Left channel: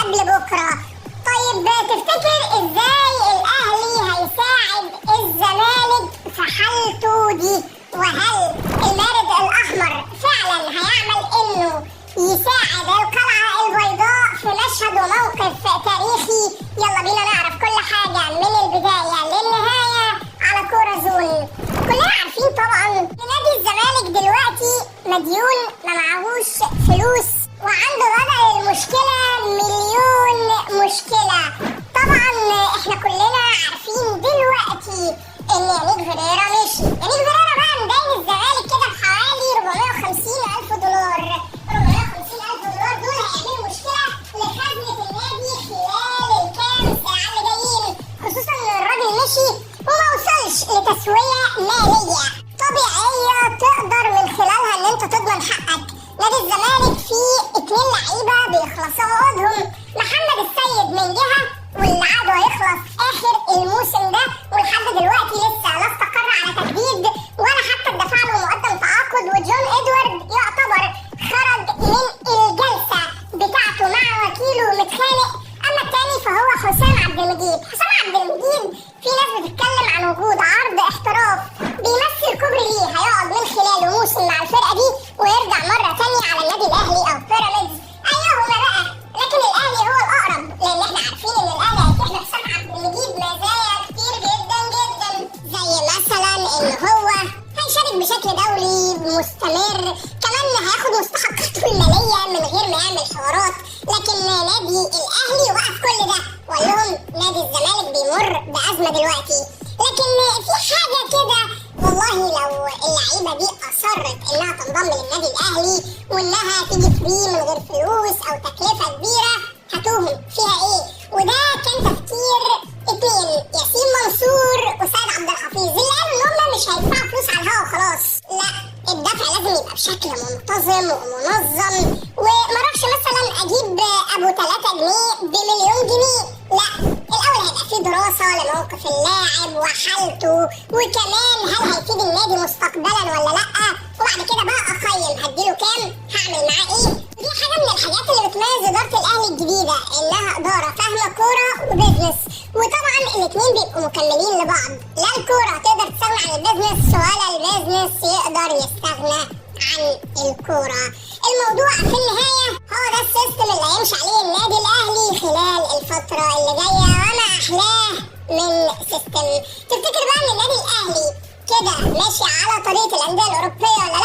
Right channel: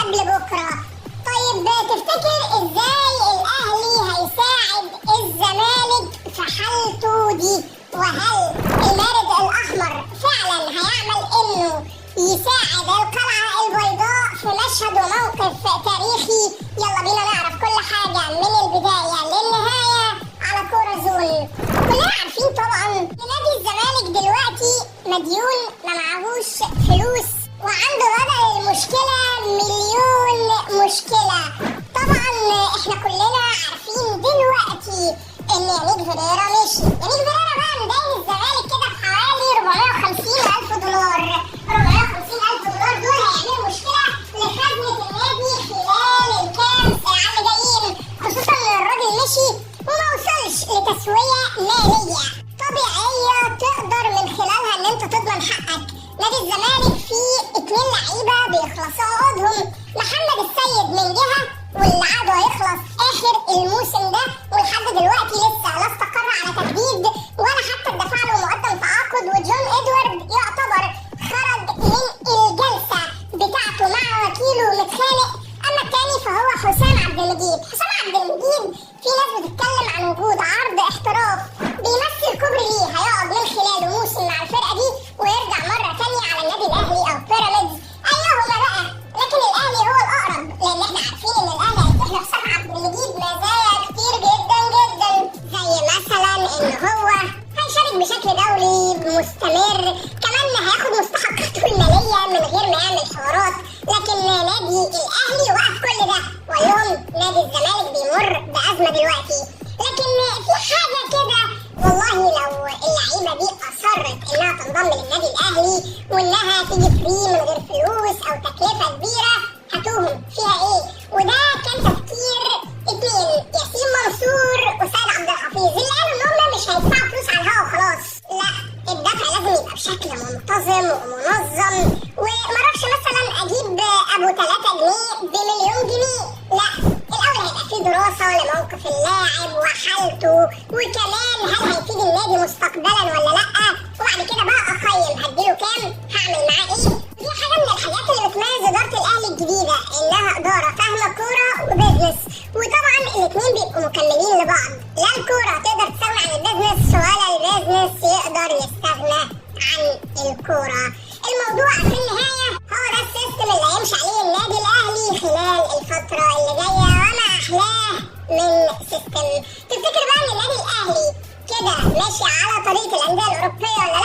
قبل بكرة. طيب تفتكر ازاي الاهلي هيساعد الزمالك في حالته دي؟ وهل المارد الاحمر فعلا هيعمل انه يساعد القلعة البيضاء في مشهد وموقف تاريخي؟ يلا بينا نعرف كل حاجة من البداية للنهاية على كورة زون. كلنا عارفين طبعا نادي الزمالك دلوقتي مديون، ما معهوش فلوس، وعنده وضع المشكلة مليون مشكلة. طبعا احنا كلنا عارفين دلوقتي ان يانيك فيريرا مشي. يانيك فيريرا بقى مدين الزمالك كده بحوالي 450,000 دولار. 450,000 دولار دول هيعملوا مشكلة لخزنة النادي خلال الكام ساعة اللي جايين، خصوصا ان الراجل مشي وما وصلش لتسوية مالية طبيعية تقدر من خلالها ان انت تضمن حقك. نادي الزمالك فيه 2 لعيبة بيخلصوا عقودهم، محمد السيد من جهة واللي عقده هيخلص اخر الموسم ده، ولحد دلوقتي لسه لا استقر على تجديد ولا حتى اتدفع له مقدم تعاقد، وجون ادوارد يعتبر خرج من الجلسة بتاعته مع وكيله متخانق. اما التاني فهو حسام عبد المجيد. حسام عبد المجيد في ناس بتتكلم عن وجود عرض احتراف بيمثل كوبري ليه هيقعد من خلاله موسم مع الفرقة دي ويرجع مرة تانية على النادي الاهلي او بيراميدز، ايهما بقى. لكن الاهلي هو الاقرب، لان احنا عارفين ان الاهلي هيتيح لحسام عبد المجيد مزايا كتير جدا جدا، زي مثلا ان هو هيشارك بشكل دوري مستمر، كمان هياخد مستحقاته المالية من غير ما يعمل حوارات. لكن نادي الاهلي وقف كل ده وقال لهم نادي الزمالك بيمر بأزمة دلوقتي. لكن في حاجة كده، والله لو اللعيبة دي أصرت إنها تنضم للنادي الأهلي وإنها تيجي فري من غير فلوس أو تكلفة كبيرة، هتوهم فيها إيه؟ وده كان تفكير 2 ياسين منصور وسيد عبد الحفيظ، اللي قالوا إن هم مش هيدفعوا فلوس على الهوا وخلاص، لا الدفع لازم يبقى بشكل منتظم ومنظم، ومعرفش مثلا أجيب أبو 3 جنيه بمليون جنيه، لا الأول هيبقى فيه دراسة لموقف اللاعب وحالته، وكمان هل هيفيد النادي مستقبلا ولا لأ، وبعد كده بقى أقيم هديله كام، هعمل معاه إيه. دي حاجة من الحاجات اللي بتميز إدارة الأهلي الجديدة، إنها إدارة فاهمة كورة وبيزنس، وطبعا الاتنين بيبقوا مكملين لبعض، لا الكورة تقدر تستغنى عن البيزنس ولا البيزنس يقدر يستغنى عن الكورة. الموضوع في النهاية هو ده السيستم اللي هيمشي عليه النادي الأهلي خلال الفترة اللي جاية، وما أحلاه من سيستم. تفتكر بقى إن النادي الأهلي كده ماشي على طريقة الأندية الأوروبية ولا